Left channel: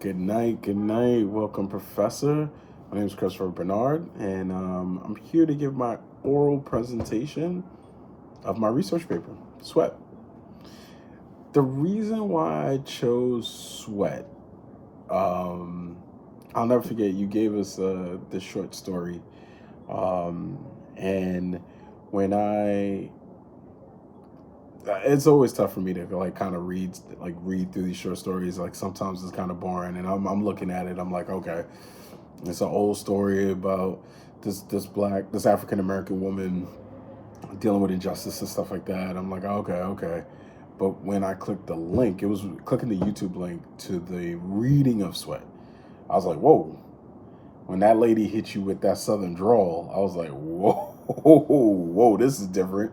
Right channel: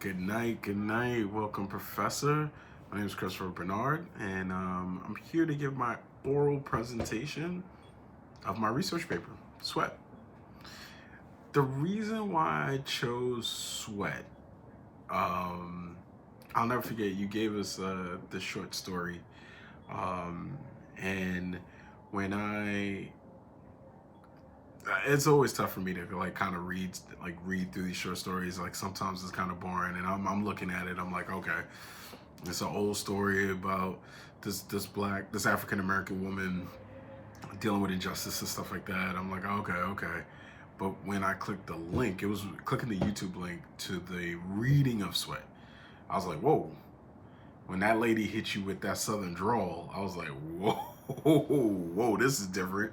Good night. Good night. Welcome, Professor. My name is Christopher Bernard, and I'm here to give my oral presentation of my research paper, Sweat. The reason why I chose Sweat, um, I'll never forget, you gave us the short story. Um, and when it's always tough for me to like kind of read through these short stories. Like sometimes it's kind of boring, and I'm looking at it. I'm like, okay, it's an old story about this African American woman dealing with injustice and stuff like that. I'm like, okay. But when I clicked the link, it was clicking the YouTube link to the reading of Sweat. I was like, whoa. When that lady hit you with that southern drawl, I was like, whoa, this is different.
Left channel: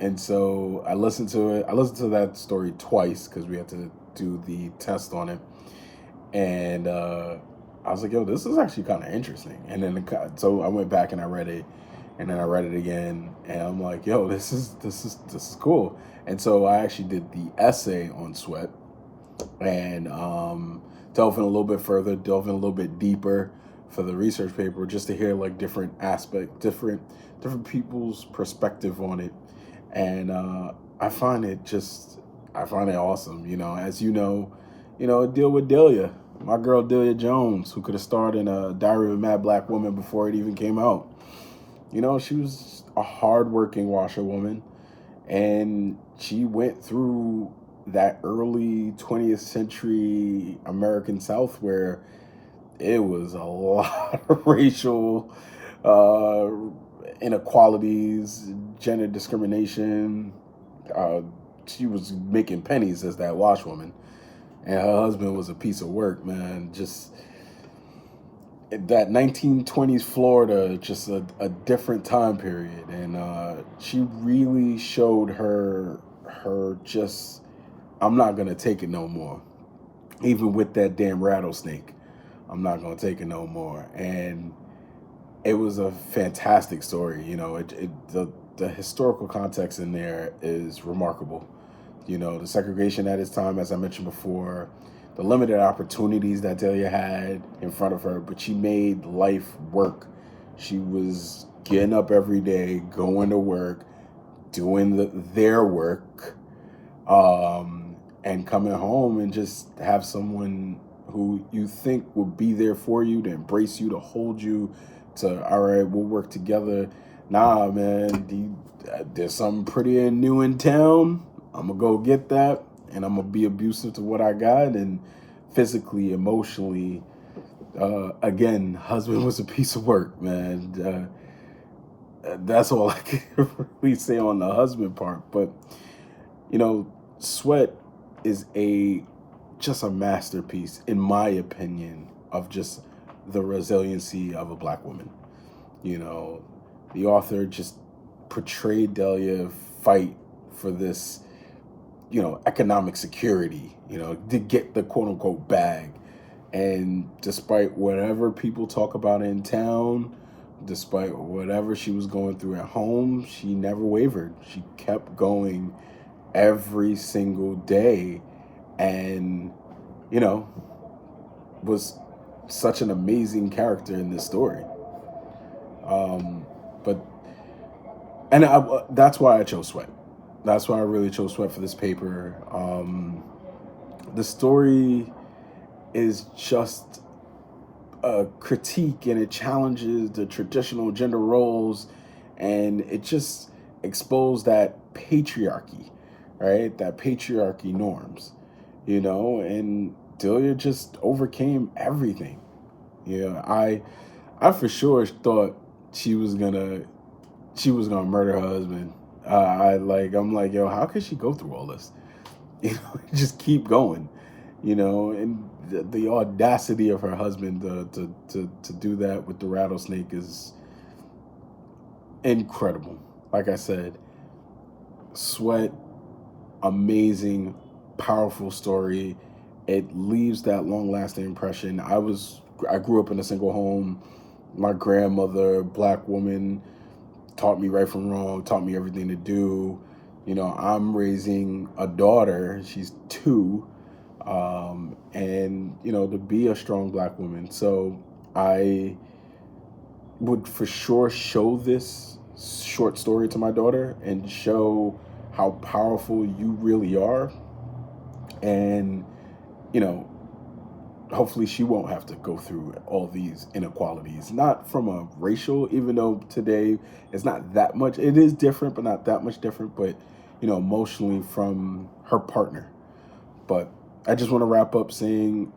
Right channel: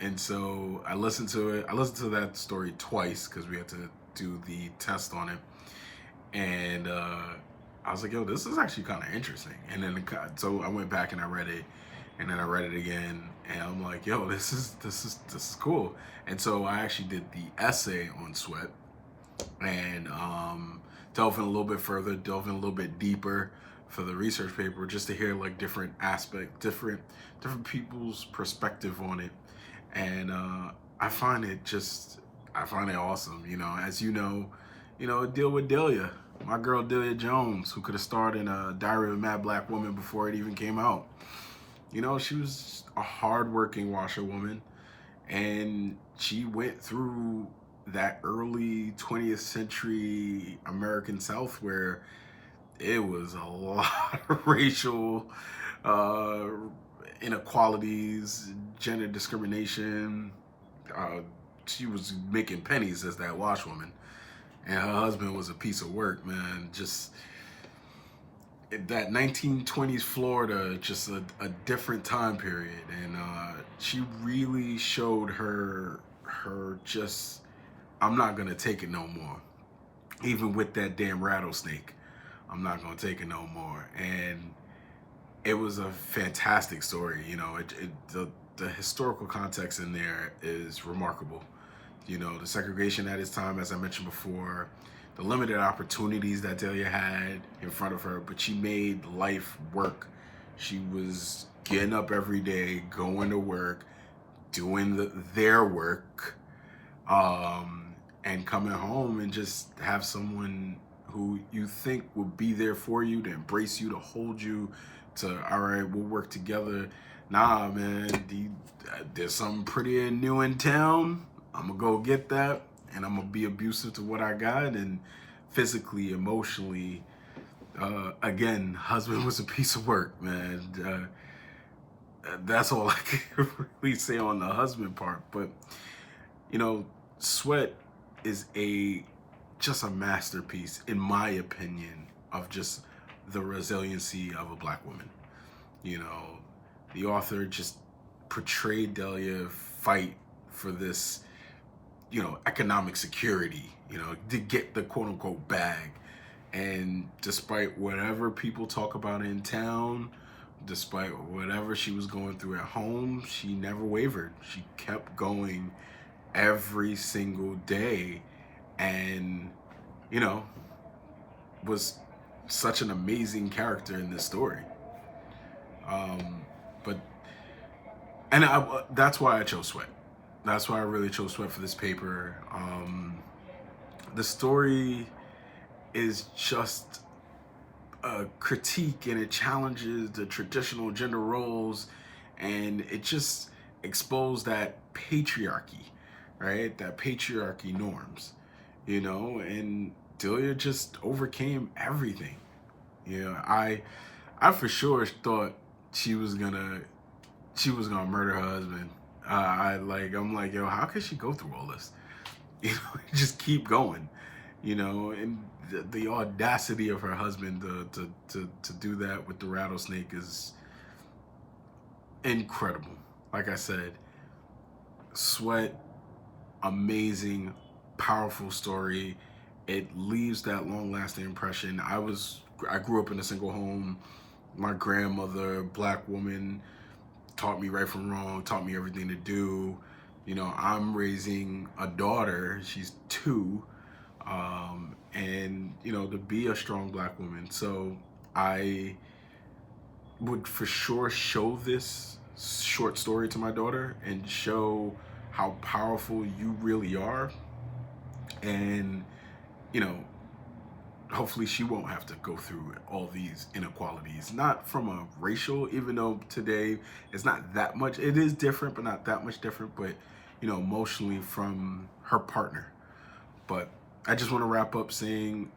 And so I listened to it. I listened to that story twice because we had to do the test on it. And I was like, yo, this is actually kind of interesting. And then so I went back and I read it, and then I read it again, and I'm like, yo, this is cool. And so I actually did the essay on Sweat, and delving a little bit further, delving a little bit deeper for the research paper, just to hear like different aspect, different people's perspective on it. And I find it just, I find it awesome. As deal with Delia, my girl Delia Jones, who could have starred in a Diary of a Mad Black Woman before it even came out. She was a hardworking washerwoman, and she went through that early 20th century American South where it was a lot of racial uh, inequalities, gender discrimination. Uh, she was making pennies as that washwoman, and her husband was a piece of work, man. Just that 1920s Florida, just a different time period, and she really showed her just, I'm not gonna take it no more, even with that damn rattlesnake. I'm not gonna take it no more. And it was a fantastic story. The historical context in there is remarkable. The segregation at its time, as I mentioned before, the limited opportunities that Delia had in front of her, but she made life work. She was getting up every day, going to work, doing their work, and coming home and just have someone who you think will be there for you, to embrace you, to hold you, to, all right, we'll work together. Nah, man, there's something pretty and new in town. I'm gonna go get that, and I'm gonna be abusive to what I got, and physically, emotionally. Again, husband was a piece of work, man. That's all I can really say on the husband part. But you know, Sweat is a just a masterpiece, in my opinion, of just the resiliency of a black woman. You know, the author just portrayed Delia fight for this, economic security, to get the quote unquote bag. And despite whatever people talk about in town, despite whatever she was going through at home, she never wavered. She kept going every single day, and, you know, was such an amazing character in this story. But that's why I chose Sweat. That's why I really chose Sweat for this paper. The story is just a critique, and it challenges the traditional gender roles, and it just exposed that patriarchy, right? That patriarchy norms, and Delia just overcame everything. I for sure thought she was gonna she was gonna murder her husband. I'm like, yo, how could she go through all this? Just keep going, and the audacity of her husband to do that with the rattlesnake is incredible. Like I said, Sweat, amazing, powerful story. It leaves that long lasting impression. I grew up in a single home. My grandmother, black woman, taught me right from wrong, taught me everything to do. I'm raising a daughter. She's 2, and, you know, to be a strong Black woman. So I would for sure show this short story to my daughter and show how powerful you really are. And, you know, hopefully she won't have to go through all these inequalities, not from a racial, even though today it's not that much, it is different, but not that much different, but, you know, emotionally from her partner. But I just want to wrap up saying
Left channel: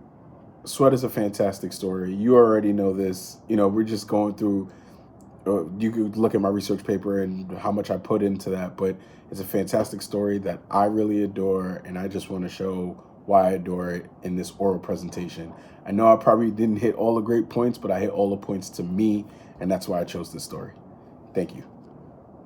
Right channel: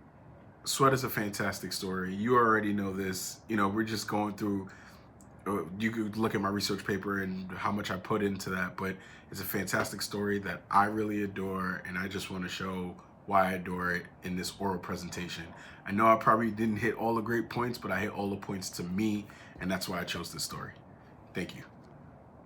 Sweat is a fantastic story. You already know this. You know, we're just going through, you could look at my research paper and how much I put into that, but it's a fantastic story that I really adore, and I just want to show why I adore it in this oral presentation. I know I probably didn't hit all the great points, but I hit all the points to me, and that's why I chose this story. Thank you.